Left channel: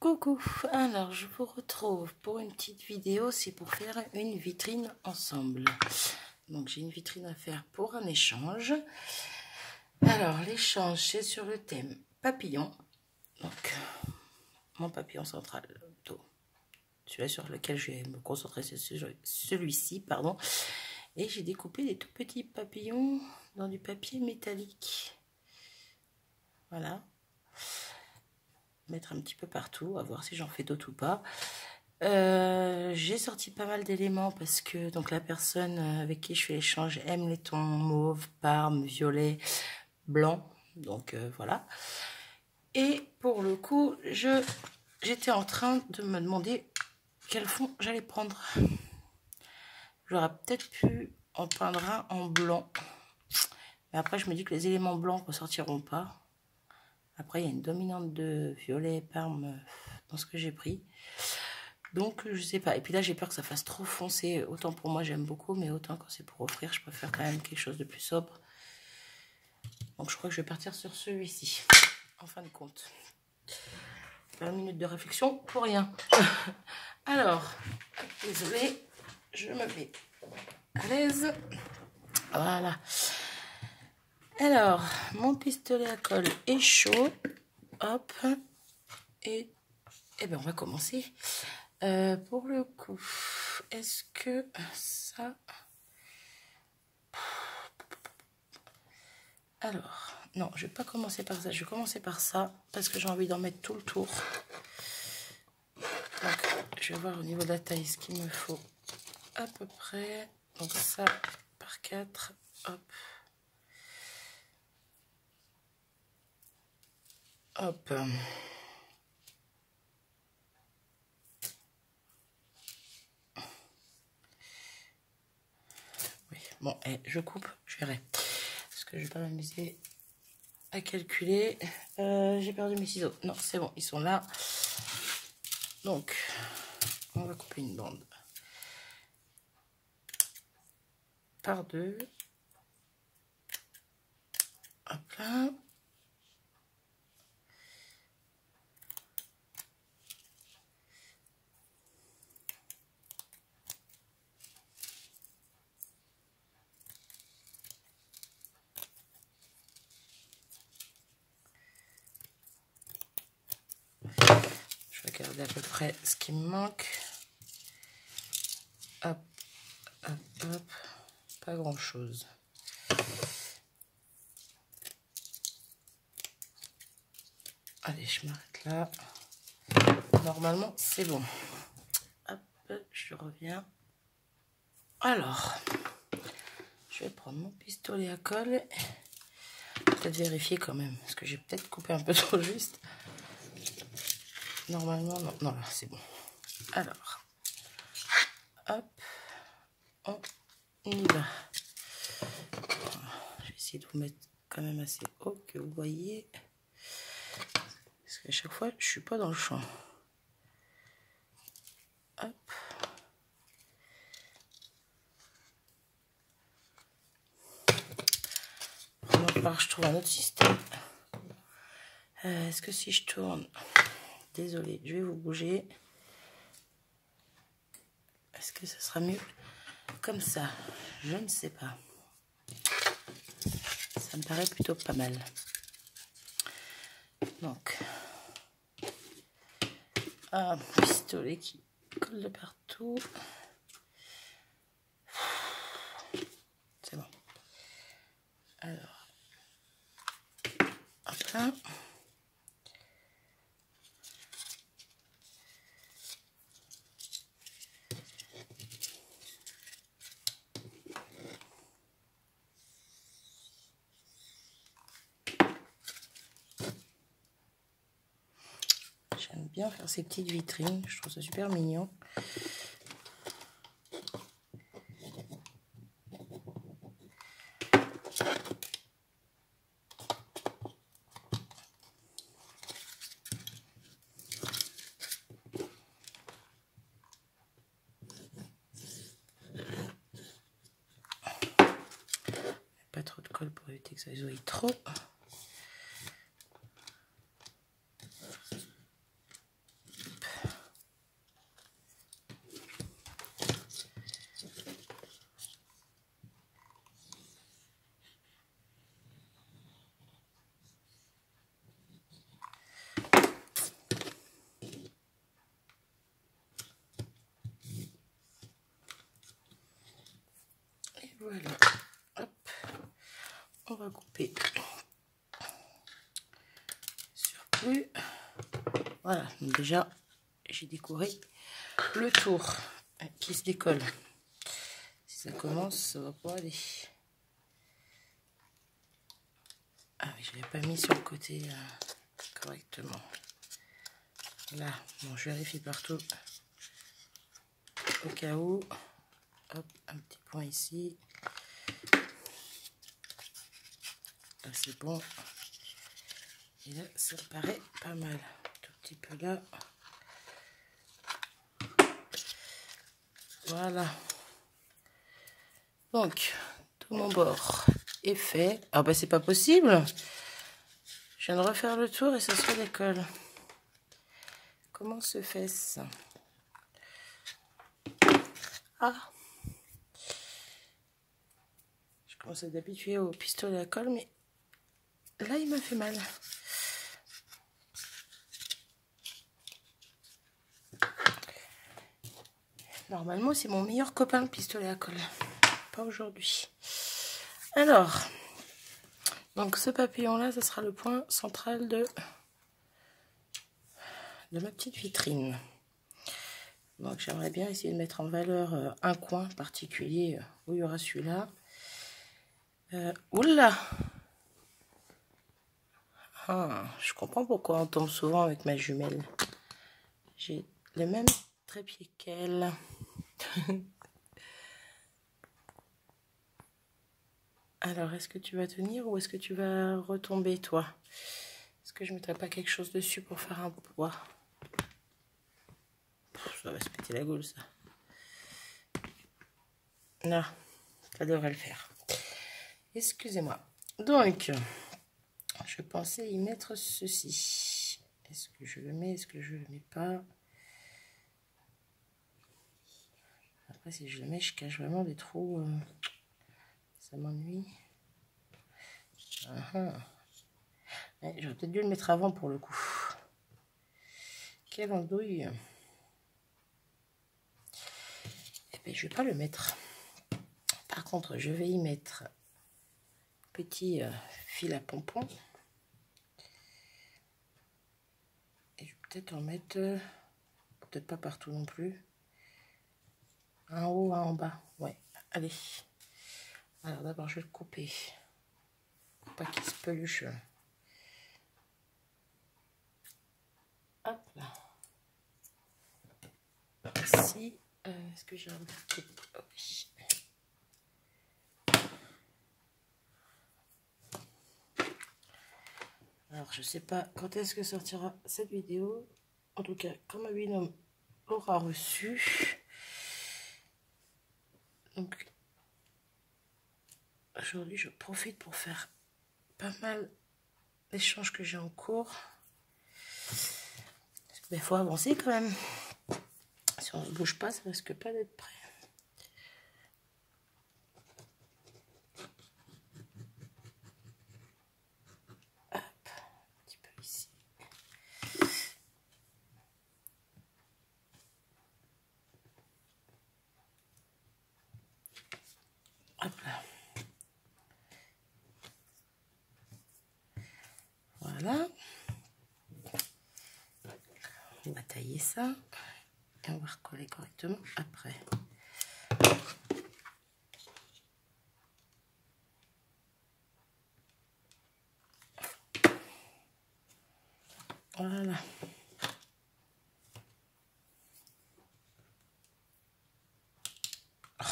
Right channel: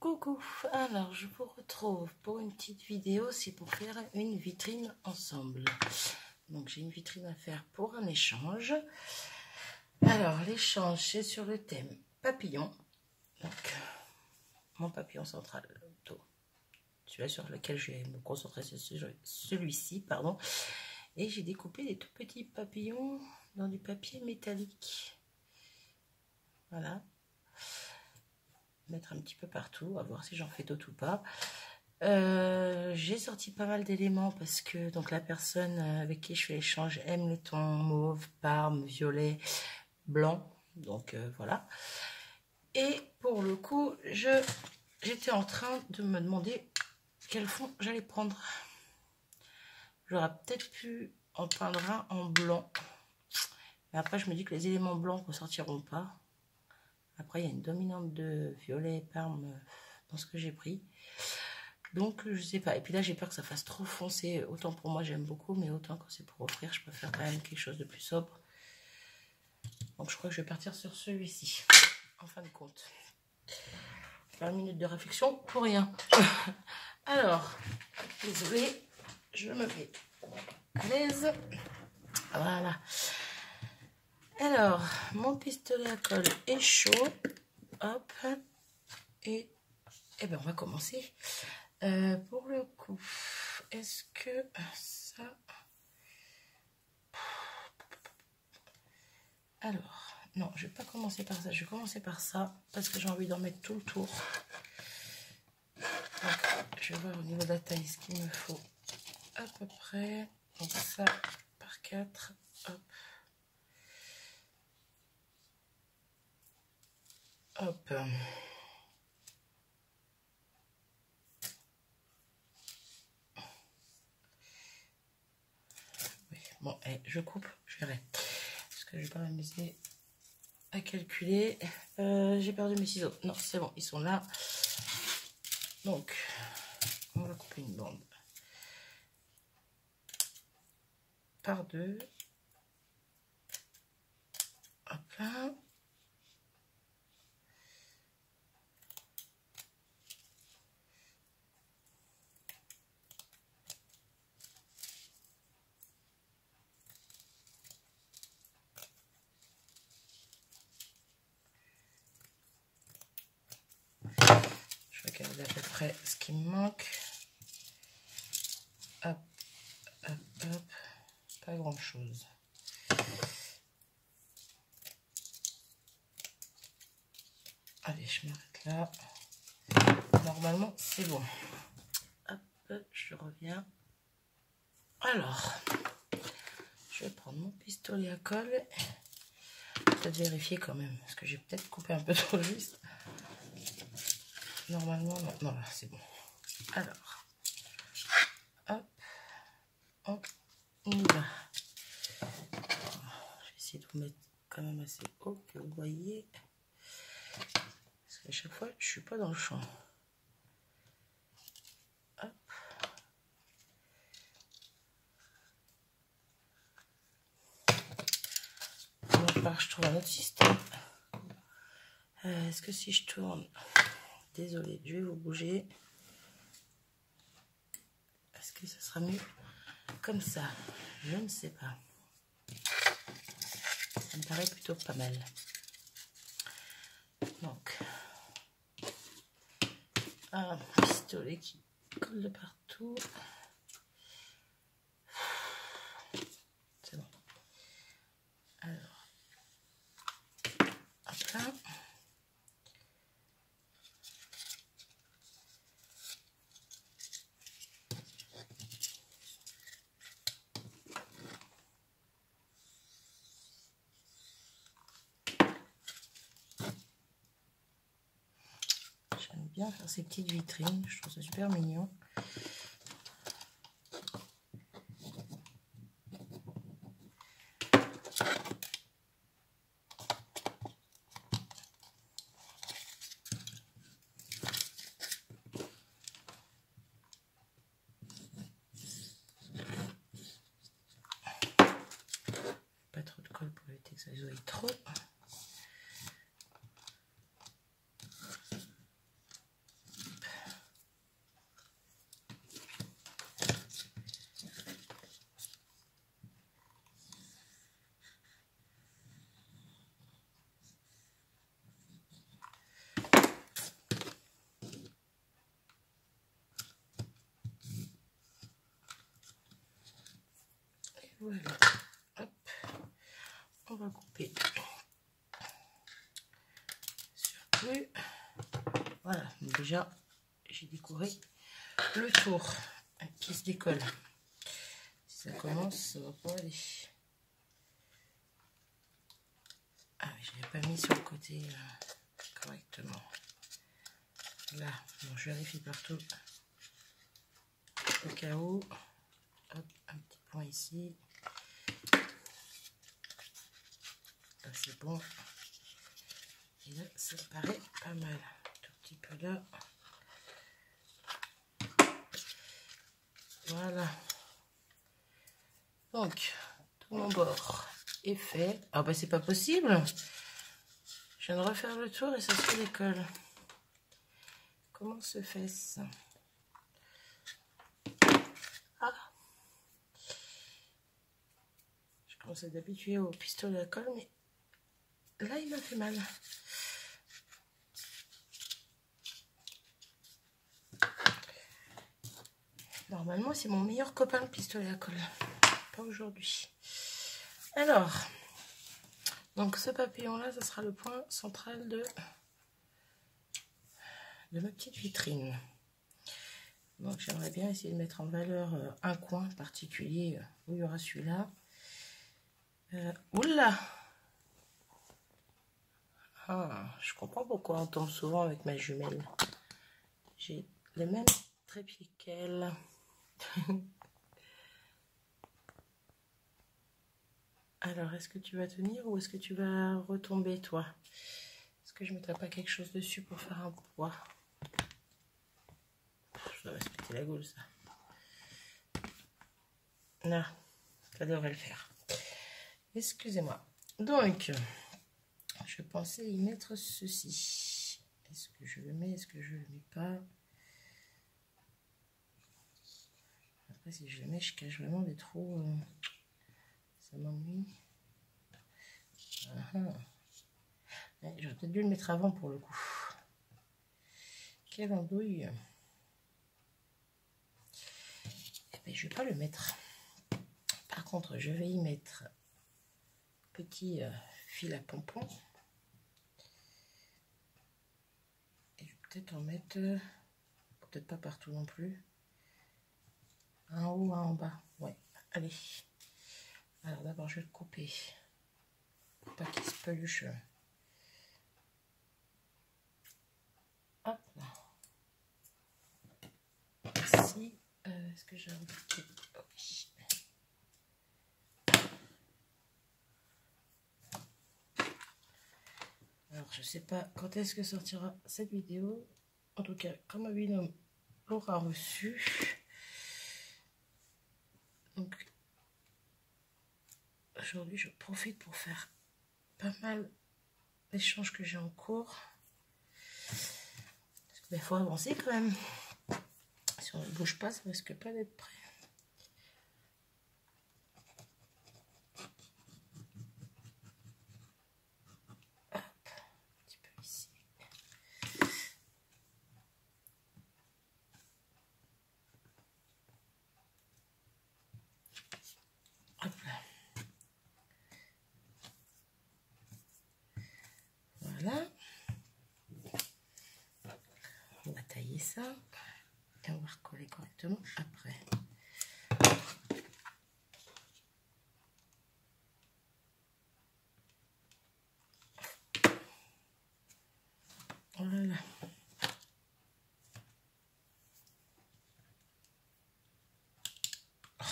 Coucou, alors je vous retrouve pour une petite vidéo, c'est pour faire une vitrine ensemble. Donc j'ai une vitrine à faire pour un échange. Alors l'échange c'est sur le thème papillon. Donc mon papillon central, celui sur lequel je vais me concentrer, c'est celui-ci, pardon. Et j'ai découpé des tout petits papillons dans du papier métallique. Voilà. Mettre un petit peu partout, à voir si j'en fais d'autres ou pas. J'ai sorti pas mal d'éléments parce que donc la personne avec qui je fais l'échange aime les tons mauve, parme, violet, blanc. Donc voilà. Et pour le coup, j'étais en train de me demander quel fond j'allais prendre. J'aurais peut-être pu en peindre un en blanc. Mais après, je me dis que les éléments blancs ne ressortiront pas. Après, il y a une dominante de violet et parme dans ce que j'ai pris. Donc, je sais pas. Et puis là, j'ai peur que ça fasse trop foncé. Autant pour moi, j'aime beaucoup. Mais autant quand c'est pour offrir, je préfère quand même quelque chose de plus sobre. Donc, je crois que je vais partir sur celui-ci. En fin de compte. 20 minutes de réflexion pour rien. Alors, désolée. Je me mets à l'aise. Voilà. Alors, mon pistolet à colle est chaud. Hop. Et bien, on va commencer. Pour le coup, est-ce que ça... Alors, non, je vais pas commencer par ça. Je vais commencer par ça parce que j'ai envie d'en mettre tout le tour. Donc, je vais voir au niveau de la taille ce qu'il me faut à peu près. Donc, ça par 4. Hop. Hop. Oui, bon, je coupe, je verrai. Parce que je vais pas m'amuser à calculer. J'ai perdu mes ciseaux. Non, c'est bon, ils sont là. Donc, on va couper une bande par deux. Hop là. Je vais regarder à peu près ce qui me manque. Hop, hop, hop. Pas grand chose. Allez, je m'arrête là. Normalement, c'est bon. Hop, je reviens. Alors, je vais prendre mon pistolet à colle. Peut-être vérifier quand même, parce que j'ai peut-être coupé un peu trop juste. Normalement, non, non, c'est bon. Alors, hop, on y va. Je vais essayer de vous mettre quand même assez haut que vous voyez. Parce qu'à chaque fois, je suis pas dans le champ. Hop. Alors, je trouve un autre système. Est-ce que si je tourne... Désolée, je vais vous bouger. Est-ce que ça sera mieux comme ça? Je ne sais pas. Ça me paraît plutôt pas mal. Donc, un pistolet qui colle de partout. C'est bon. Alors, hop là. J'aime bien faire ces petites vitrines, je trouve ça super mignon. Pas trop de colle pour éviter que ça isoile trop. Voilà. Hop. On va couper. Surplus. Voilà. Donc déjà, j'ai décoré le tour qui se décolle. Si ça commence, ça va pas aller. Ah oui, je l'avais pas mis sur le côté correctement. Là, bon, je vérifie partout au cas où. Hop, un petit point ici. Là, c'est bon. Et là, ça paraît pas mal. Tout petit peu là. Voilà. Donc, tout mon bord est fait. Ah bah c'est pas possible. Je viens de refaire le tour et ça se décolle. Comment se fait ça? Ah. Je commençais d'habituer au pistolet à colle, mais là il m'a fait mal. Normalement c'est mon meilleur copain le pistolet à colle. Pas aujourd'hui. Alors, donc ce papillon là, ça sera le point central de ma petite vitrine. Donc j'aimerais bien essayer de mettre en valeur un coin particulier où il y aura celui-là. Oula! Ah, je comprends pourquoi on tombe souvent avec ma jumelle. J'ai le même trépied qu'elle. Alors, est-ce que tu vas tenir ou est-ce que tu vas retomber, toi? Est-ce que je ne mettrai pas quelque chose dessus pour faire un poids? Ça va se péter la gueule, ça. Non, ça devrait le faire. Excusez-moi. Donc, je pensais y mettre ceci. Est-ce que je le mets? Est-ce que je le mets pas? Après, si je le mets, je cache vraiment des trous. Ça m'ennuie. Ouais, j'aurais peut-être dû le mettre avant pour le coup. Quelle andouille. Eh bien, je vais pas le mettre. Par contre, je vais y mettre petit fil à pompon. Et je vais peut-être en mettre, peut-être pas partout non plus. Un en haut, un en bas. Ouais, allez. Alors d'abord, je vais le couper. Pour pas qu'il se peluche. Hop là. Ici, est-ce que j'ai un petit... Oh, oui. Alors, je sais pas quand est-ce que sortira cette vidéo. En tout cas, quand ma binôme l'aura reçu. Donc, aujourd'hui, je profite pour faire pas mal d'échanges que j'ai en cours. Parce qu'il faut avancer quand même. Si on ne bouge pas, ça risque pas d'être prêt. Hop, un petit peu ici. Hop là. Voilà. On va tailler ça. Et on va recoller correctement après. Voilà. Oh,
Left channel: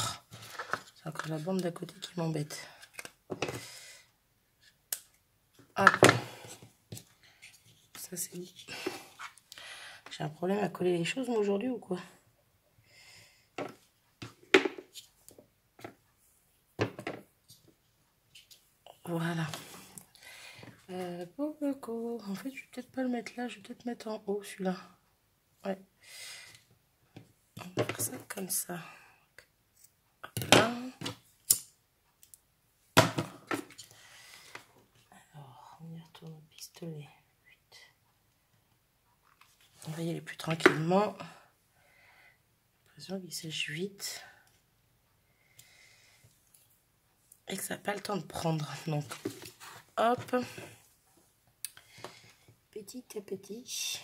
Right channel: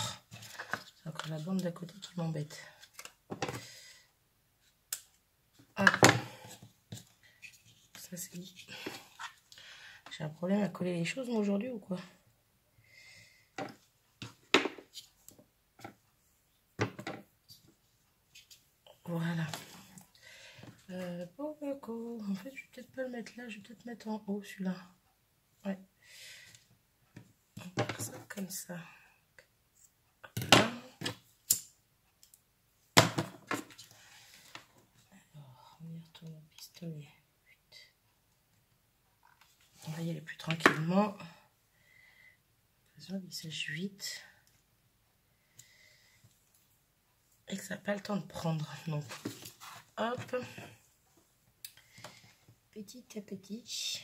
c'est encore la bande d'à côté qui m'embête. Hop. Ça c'est bon. J'ai un problème à coller les choses moi aujourd'hui ou quoi? Voilà. En fait, je vais peut-être pas le mettre là, je vais peut-être mettre en haut celui-là. Ouais. On va faire ça comme ça. Alors, on y retourne au pistolet. On va y aller plus tranquillement. J'ai l'impression qu'il sèche vite. et que ça n'a pas le temps de prendre. Donc, hop, petit à petit,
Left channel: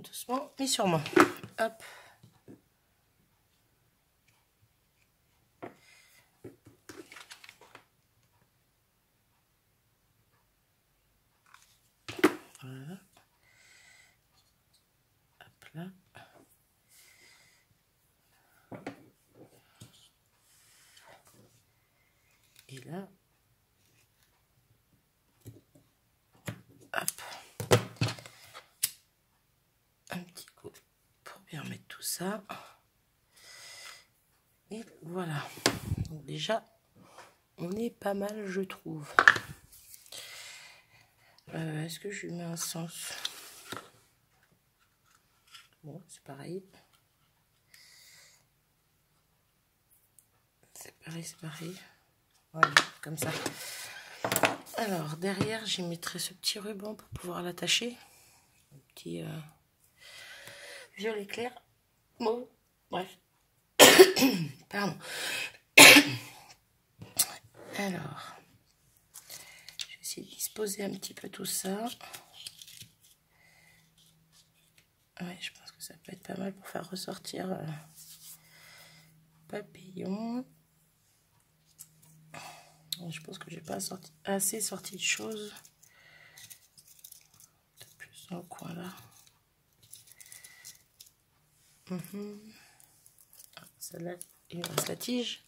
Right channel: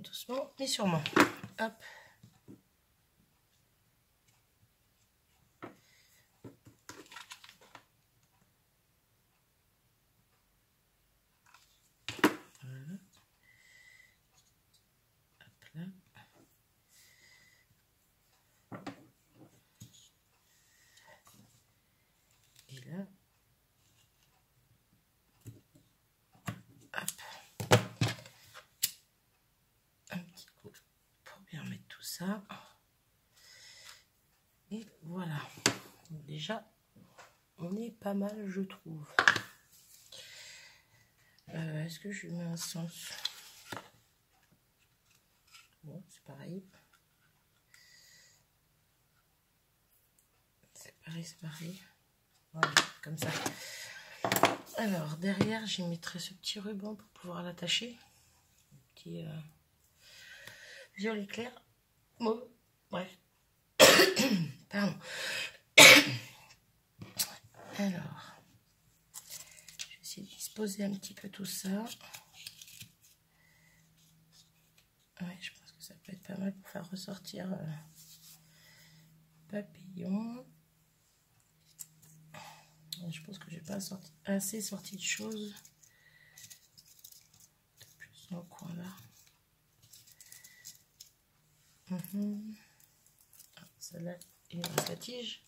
doucement mais sûrement. Hop. Voilà. Hop là. Et là, hop, un petit coup pour bien mettre tout ça. Et voilà. Donc déjà, on est pas mal, je trouve. Est-ce que je lui mets un sens? Bon, c'est pareil. C'est pareil, c'est pareil. Voilà, comme ça. Alors, derrière, j'y mettrai ce petit ruban pour pouvoir l'attacher. Un petit violet clair. Bon, bref. Pardon. Alors, je vais essayer de disposer un petit peu tout ça. Ouais, je pense que ça peut être pas mal pour faire ressortir papillon. Je pense que j'ai pas assez sorti de choses. Plus dans le coin là. Celle-là, il reste la tige.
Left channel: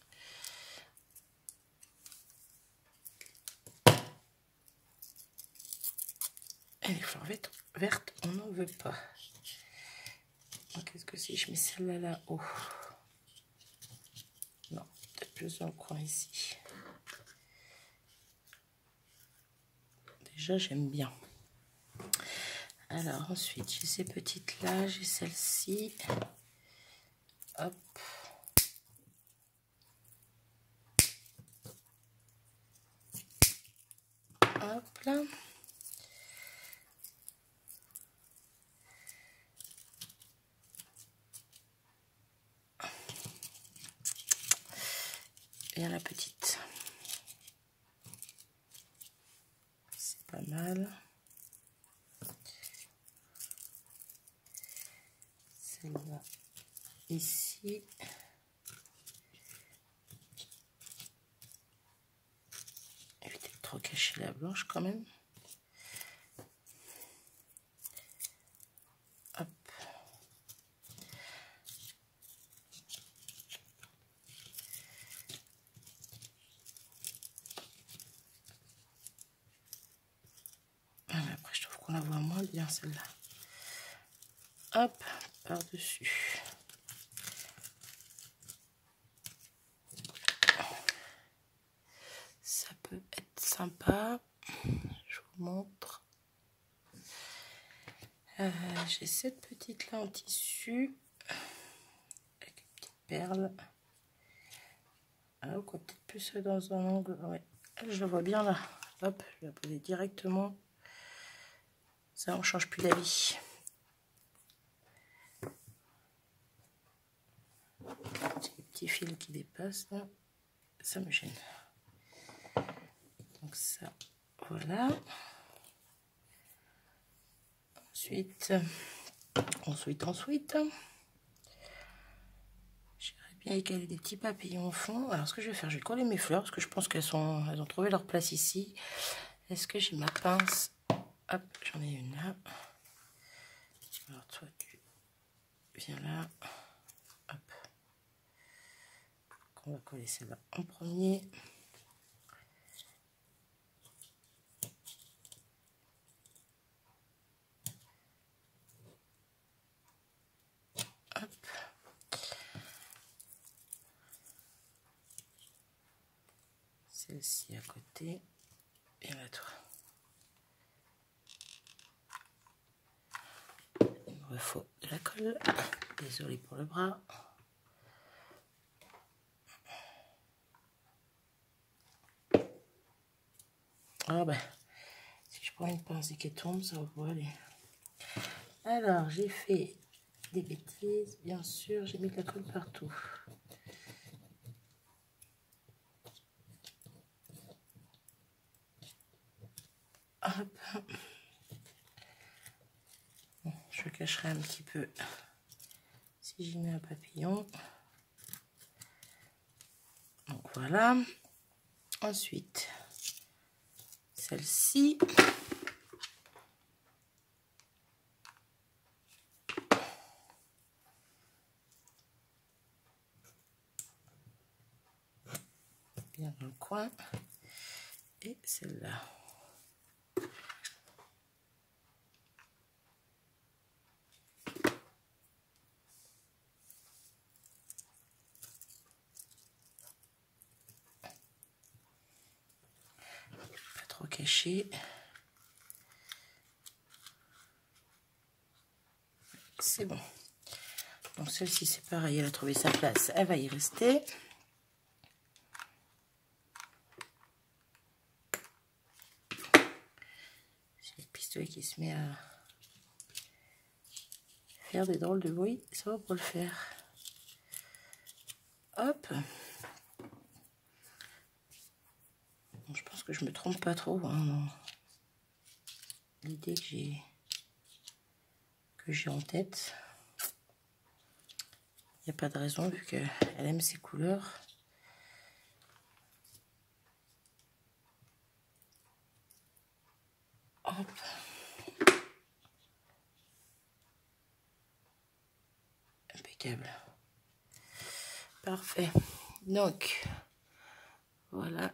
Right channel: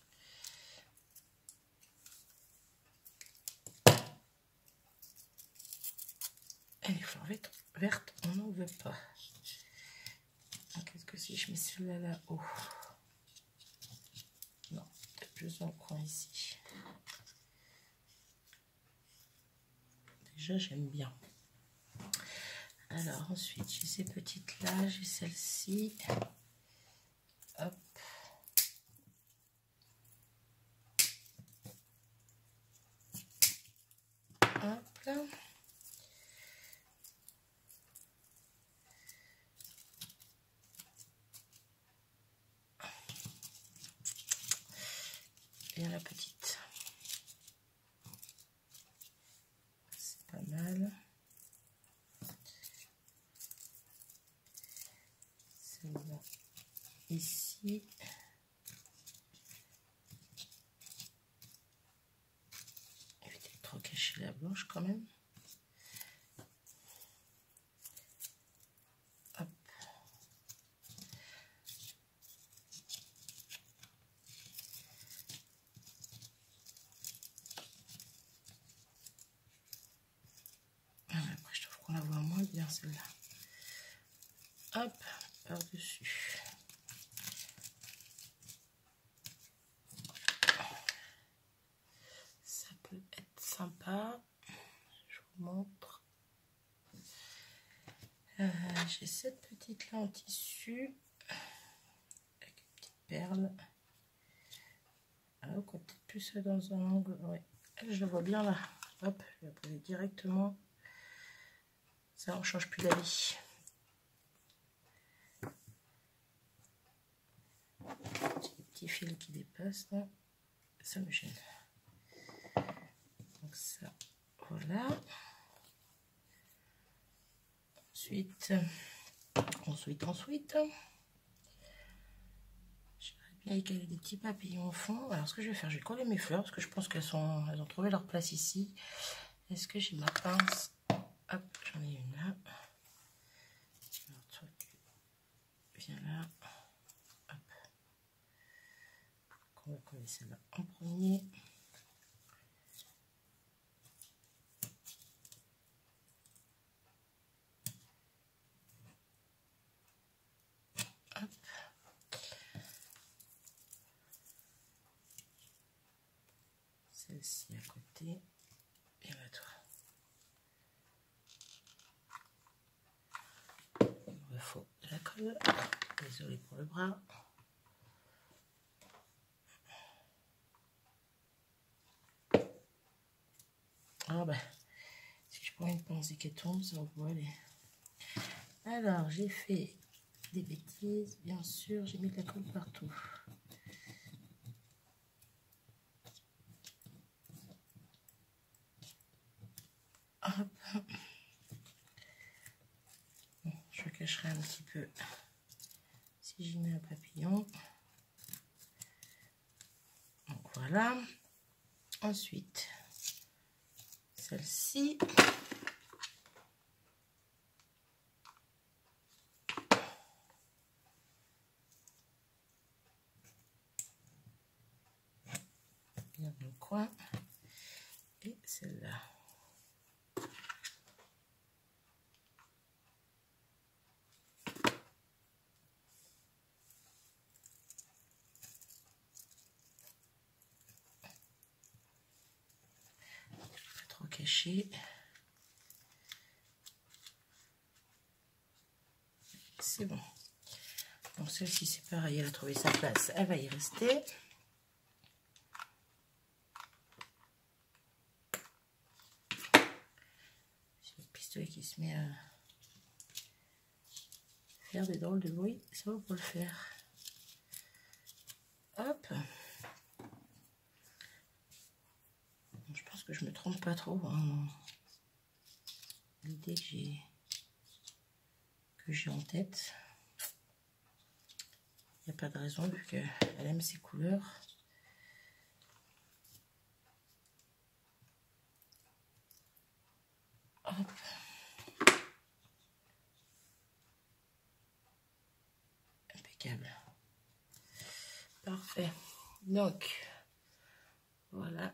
Et les fleurs vertes, on n'en veut pas. Qu'est-ce que si je mets celle-là là-haut? Non, peut-être plus dans le coin ici. Déjà, j'aime bien. Alors, ensuite, j'ai ces petites-là, j'ai celle-ci. Hop. Hop là. Et la petite. C'est pas mal. Celle-là, ici. Évitez de trop cacher la blanche quand même. Hop. Après, je trouve qu'on la voit moins bien celle-là. Hop, par-dessus. Ça peut être sympa. Je vous montre. J'ai cette petite là en tissu. Avec une petite perle. Ah, quoi, peut-être plus dans un angle. Ouais, je le vois bien là. Hop, je vais la poser directement. Ça, on change plus d'avis. Les petits fils qui dépassent là, ça me gêne. Donc ça, voilà. Ensuite, j'aimerais bien écaler des petits papillons au fond. Alors ce que je vais faire, je vais coller mes fleurs parce que je pense qu'elles ont trouvé leur place ici. Est-ce que j'ai ma pince? Hop, j'en ai une là. Alors toi tu viens là. Hop. On va coller celle-là en premier. Hop. Celle-ci à côté. Et là toi. Il me faut de la colle. Désolée pour le bras. Ah ben, si je prends une pince et qu'elle tombe, ça va aller. Alors, j'ai fait des bêtises, bien sûr, j'ai mis de la colle partout. Hop. Bon, je cacherai un petit peu si j'y mets un papillon. Donc voilà. Ensuite, celle-ci. Bien dans le coin. Et celle-là. Pas trop caché. C'est bon. Donc celle-ci c'est pareil, elle a trouvé sa place, elle va y rester. C'est le pistolet qui se met à faire des drôles de bruit, ça va pour le faire. Hop. Bon, je pense que je me trompe pas trop hein, l'idée que j'ai en tête. Il n'y a pas de raison vu qu'elle aime ces couleurs. Hop. Impeccable. Parfait. Donc, voilà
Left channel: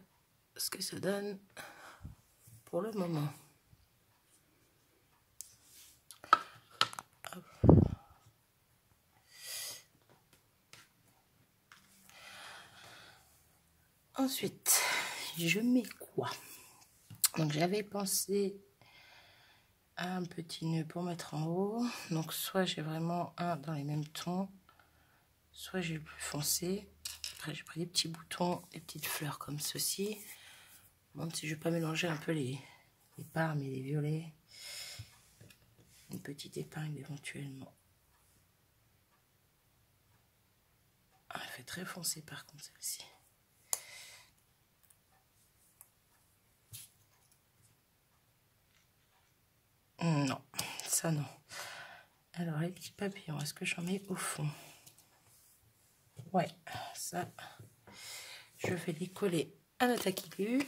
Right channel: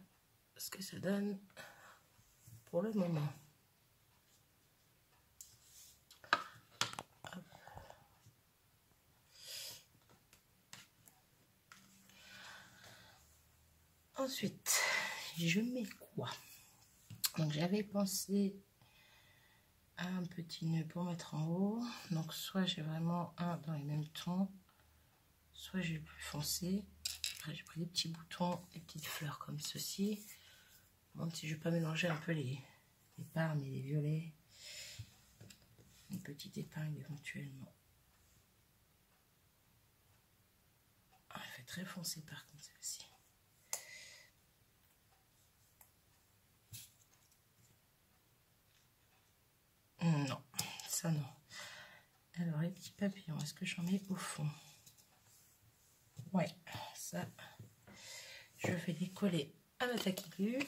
ce que ça donne pour le moment. Ensuite, je mets quoi? Donc, j'avais pensé à un petit nœud pour mettre en haut. Donc, soit j'ai vraiment un dans les mêmes tons, soit j'ai le plus foncé. Après, j'ai pris des petits boutons, des petites fleurs comme ceci. Bon, si je vais pas mélanger un peu les parmes et les violets. Une petite épingle éventuellement. Ah, elle fait très foncé par contre celle-ci. Non, ça non. Alors les petits papillons, est-ce que j'en mets au fond? Ouais, ça, je vais les coller à la taquillue.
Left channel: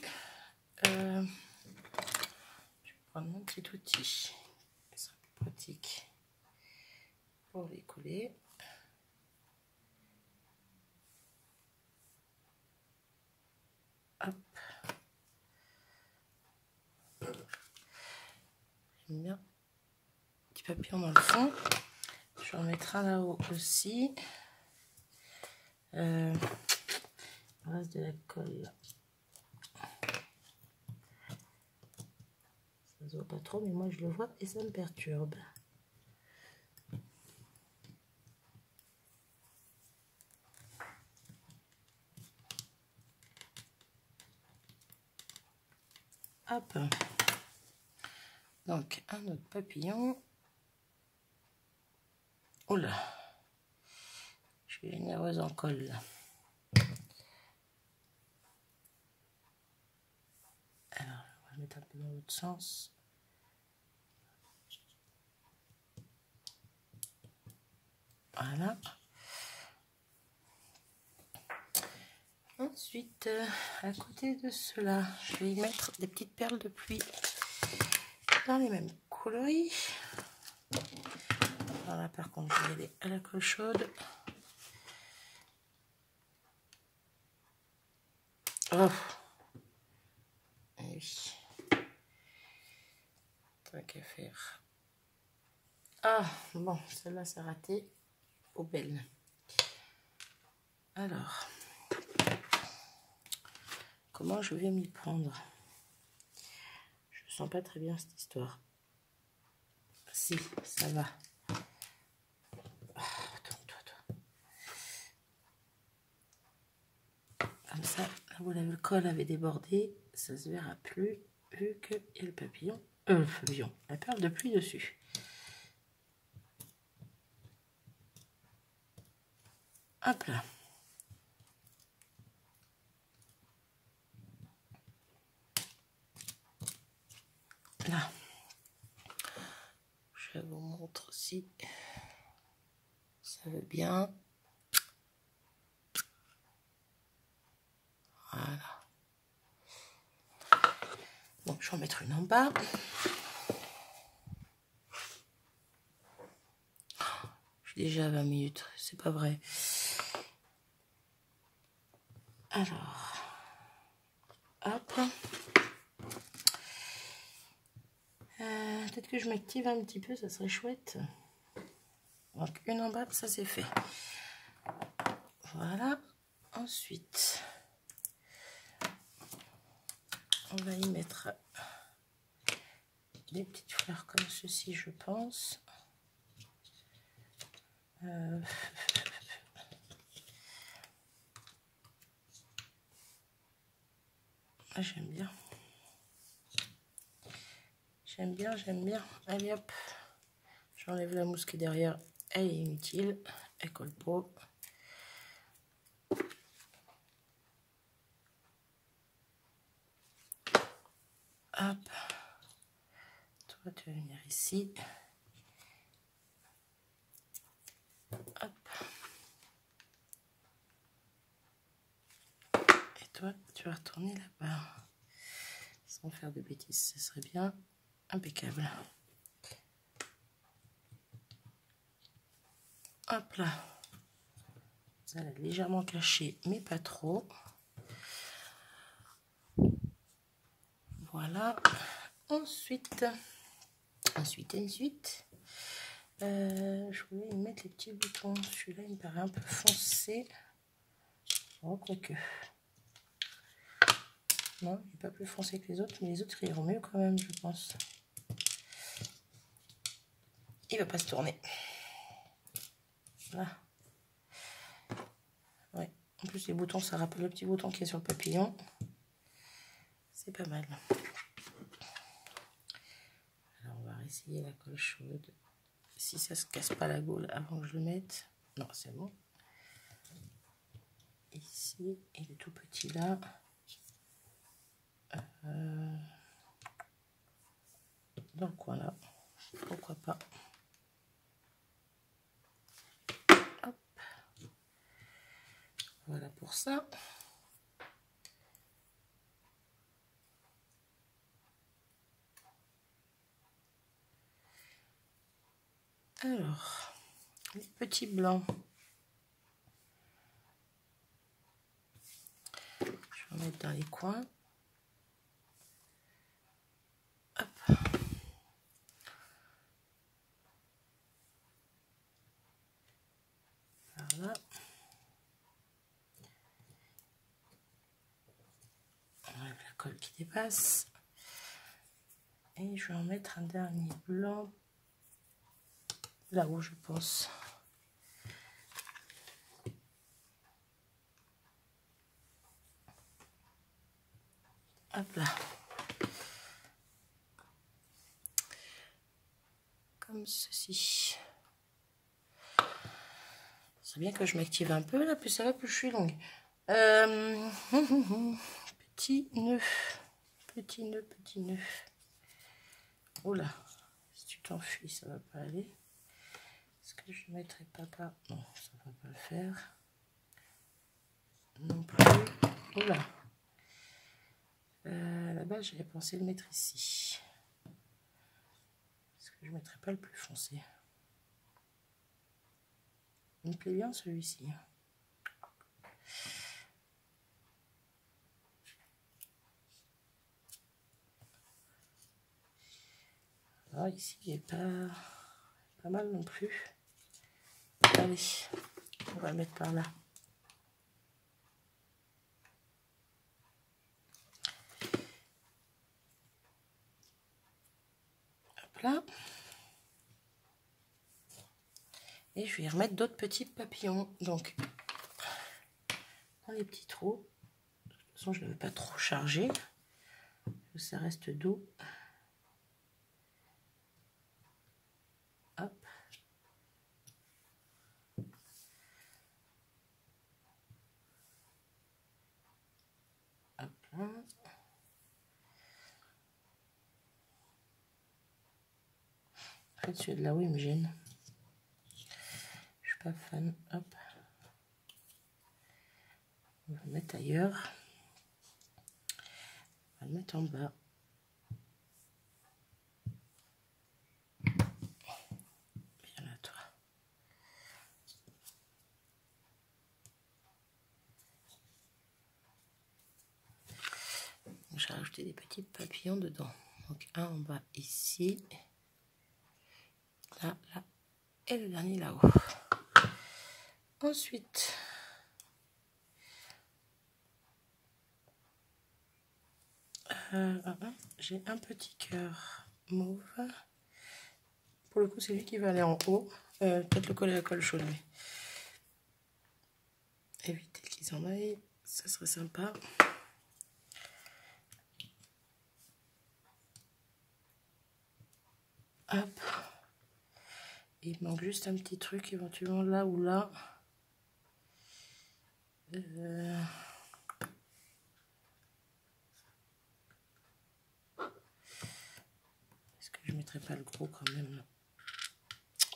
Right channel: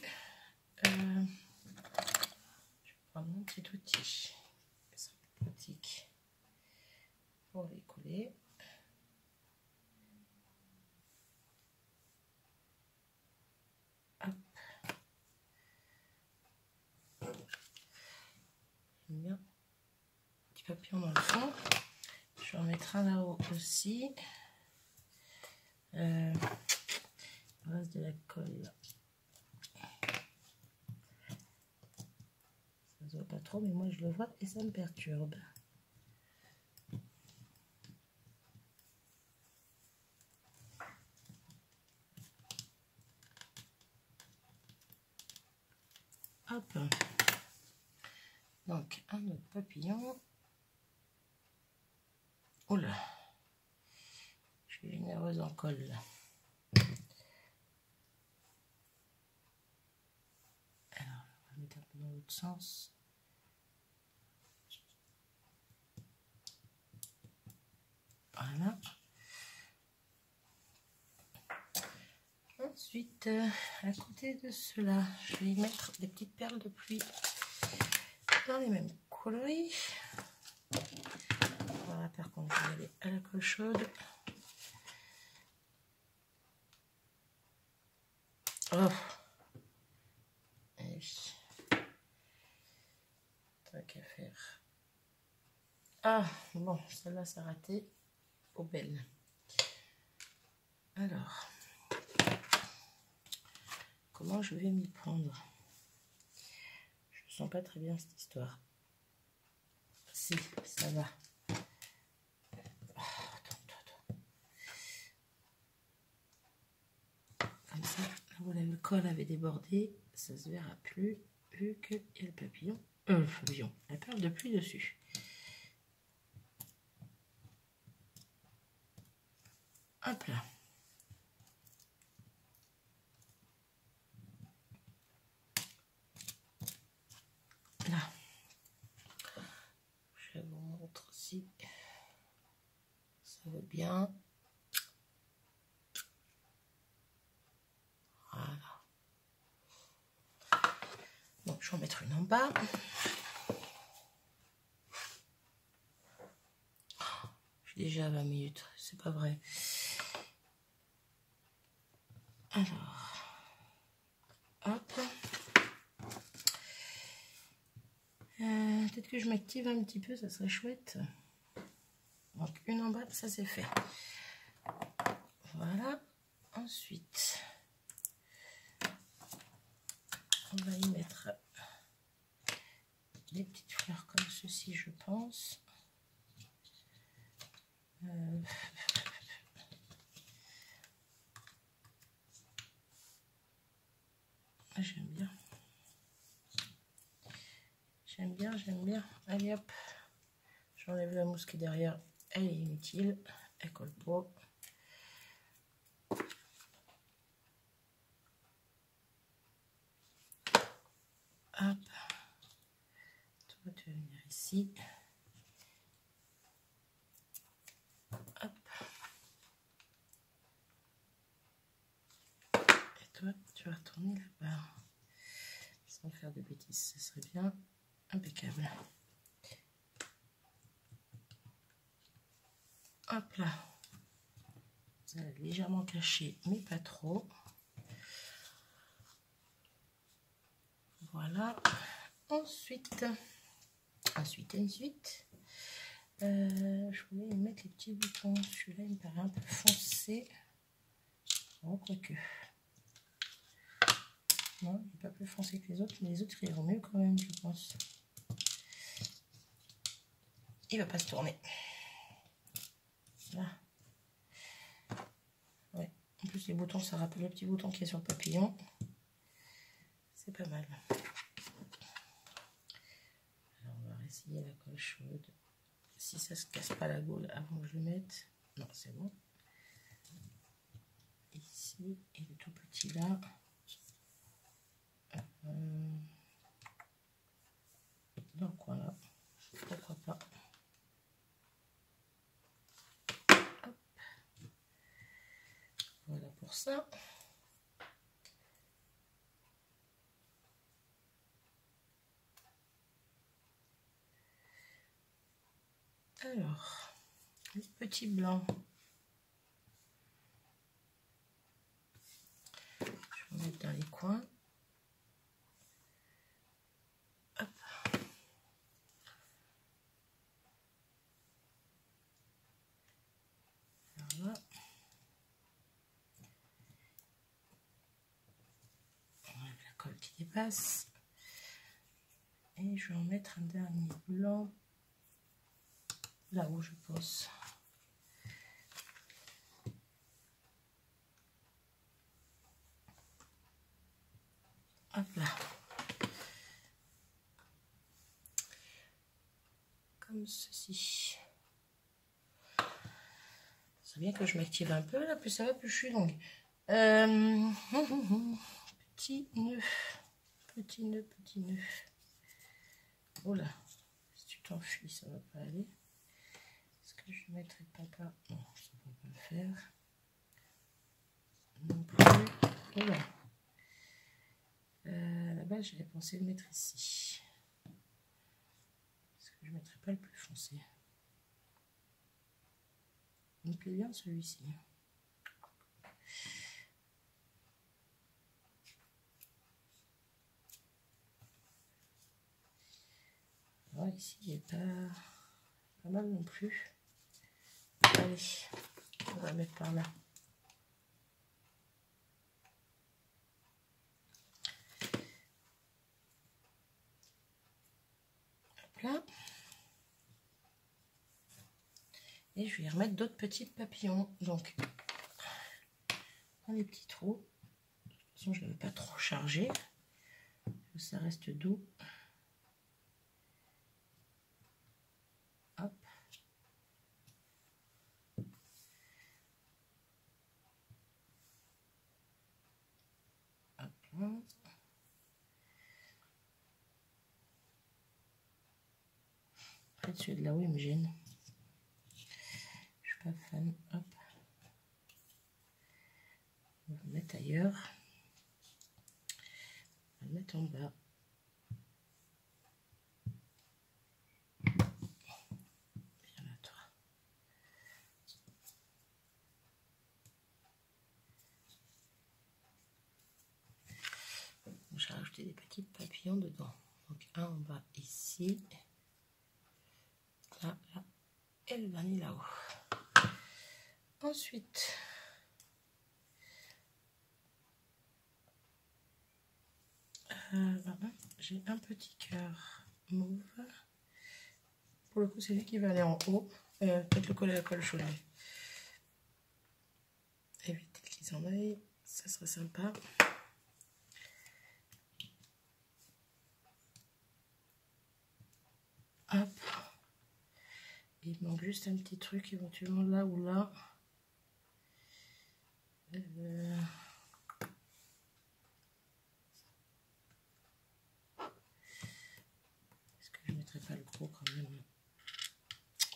Je vais prendre mon petit outil. Ce sera plus pratique pour les coller. Hop. J'aime bien. Petit papillon dans le fond. Je vais en mettre un là-haut aussi. Il reste de la colle là. Ça se voit pas trop, mais moi je le vois et ça me perturbe. Hop. Donc un autre papillon. Oh là, je suis généreuse en colle là. Alors on va mettre un peu dans l'autre sens. Voilà. Ensuite, à côté de cela, je vais y mettre des petites perles de pluie dans les mêmes coloris. Voilà, par contre, je vais y aller à la colle chaude. Oh, et oui. Tant qu'à faire. Ah, bon, celle-là, ça a raté. Poubelle. Alors, comment je vais m'y prendre? Je ne sens pas très bien cette histoire. Si, ça va. Oh, comme ça, là où le col avait débordé, ça se verra plus, vu qu'il y a le papillon, la perle de pluie dessus. Hop là. Là. Je vous montre si ça veut bien. Voilà. Donc je vais en mettre une en bas. Je suis déjà à 20 minutes, c'est pas vrai. Alors, hop. Peut-être que je m'active un petit peu, ça serait chouette. Donc une en bas, ça c'est fait. Voilà. Ensuite, on va y mettre des petites fleurs comme ceci, je pense. J'aime bien. J'aime bien. Allez hop. J'enlève la mousse qui est derrière. Elle est inutile. Elle colle pas. Hop. Toi, tu vas venir ici. Hop. Et toi, tu vas retourner là-bas. Sans faire de bêtises, ce serait bien. Impeccable. Hop là. Ça l'a légèrement caché, mais pas trop. Voilà. Ensuite, je voulais mettre les petits boutons. Celui-là, il me paraît un peu foncé. Oh, quoique. Non, il n'est pas plus foncé que les autres, mais les autres iront mieux quand même, je pense. Il va pas se tourner. Là. Ouais. En plus, les boutons, ça rappelle le petit bouton qui est sur le papillon. C'est pas mal. Alors, on va essayer la colle chaude. Si ça se casse pas la gaule avant que je le mette. Non, c'est bon. Ici, et le tout petit là. Dans le coin là. Pourquoi pas. Hop. Voilà pour ça. Alors, les petits blancs. Je vais en mettre dans les coins. Hop. Voilà. On enlève la colle qui dépasse. Et je vais en mettre un dernier blanc. Là où je pense. Hop là. Comme ceci. C'est bien que je m'active un peu là, plus ça va, plus je suis longue. Petit nœud. Petit nœud, petit nœud. Oh là. Si tu t'enfuis, ça va pas aller. Est-ce que je ne mettrai pas par... Non, ça va pas le faire. Non plus. Oh là. Là-bas, j'avais pensé le mettre ici. Est-ce que je ne mettrai pas le plus foncé? Il me plaît bien celui-ci. Ah, ici, il n'est pas mal non plus. Allez, on va le mettre par là. Hop là. Et je vais y remettre d'autres petits papillons. Donc, dans les petits trous. De toute façon, je ne veux pas trop charger. Ça reste doux. Hop. Celui de là-haut, il me gêne. Je suis pas fan. Hop. On va le mettre ailleurs. On va le mettre en bas. Viens là, toi. J'ai rajouté des petits papillons dedans. Donc un en bas ici. Là, là. Et le dernier là-haut. Ensuite, j'ai un petit cœur mauve. Pour le coup, c'est lui qui va aller en haut. Peut-être le coller à la colle chaude. Éviter qu'ils s'en aillent, ça serait sympa. Hop. Il manque juste un petit truc éventuellement là ou là. Est-ce que je ne mettrai pas le gros quand même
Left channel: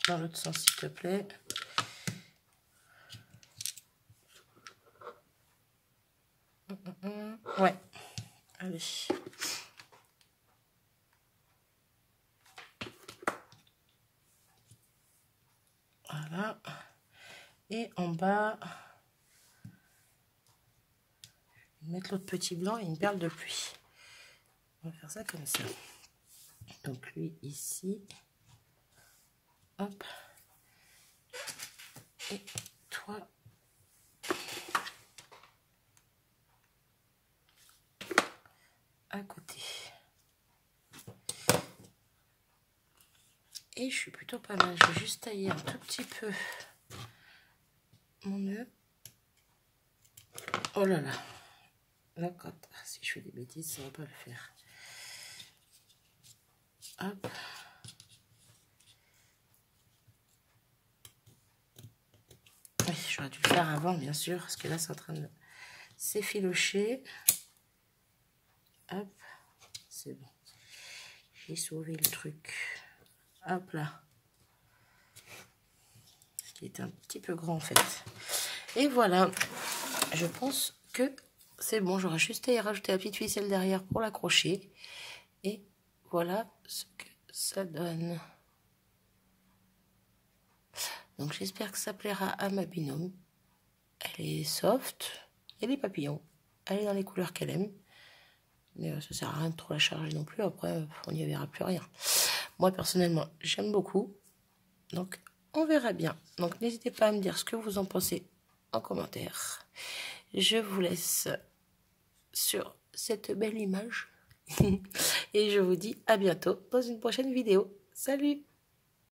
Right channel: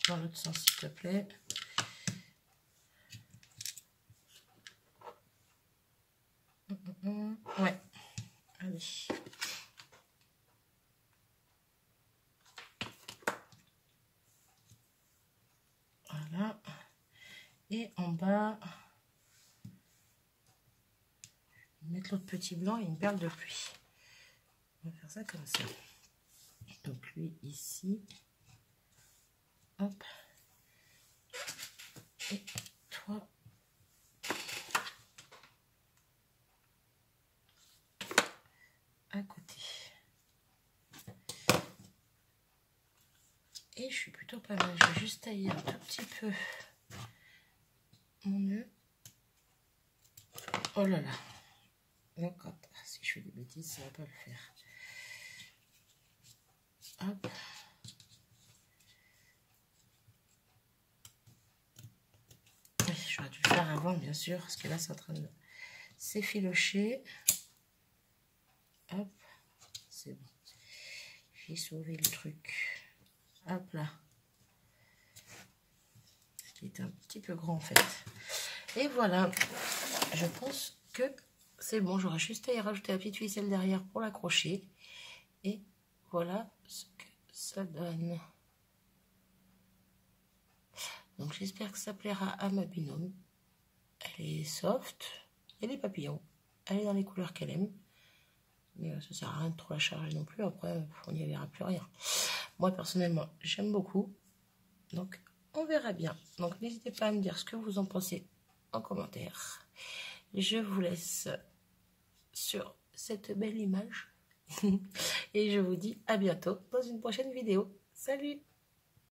dans l'autre sens, s'il te plaît? Ouais. Allez. Voilà. Et en bas, mettre l'autre petit blanc et une perle de pluie. On va faire ça comme ça. Donc lui ici. Hop. Et toi. À côté. Et je suis plutôt pas mal. Je vais juste tailler un tout petit peu mon nœud. Oh là là. D'accord. Si je fais des bêtises, ça va pas le faire. Hop. Oui, j'aurais dû le faire avant, bien sûr, parce que là, c'est en train de s'effilocher. Hop. C'est bon. J'ai sauvé le truc. Hop là. Ce qui est un petit peu grand, en fait. Et voilà. Je pense que c'est bon. J'aurais juste à y rajouter la petite ficelle derrière pour l'accrocher. Et voilà ce que ça donne. Donc j'espère que ça plaira à ma binôme. Elle est soft. Il y a des papillons. Elle est dans les couleurs qu'elle aime. Mais ça sert à rien de trop la charger non plus. Après, on n'y verra plus rien. Moi, personnellement, j'aime beaucoup. Donc, on verra bien. Donc, n'hésitez pas à me dire ce que vous en pensez en commentaire. Je vous laisse sur cette belle image. Et je vous dis à bientôt dans une prochaine vidéo. Salut!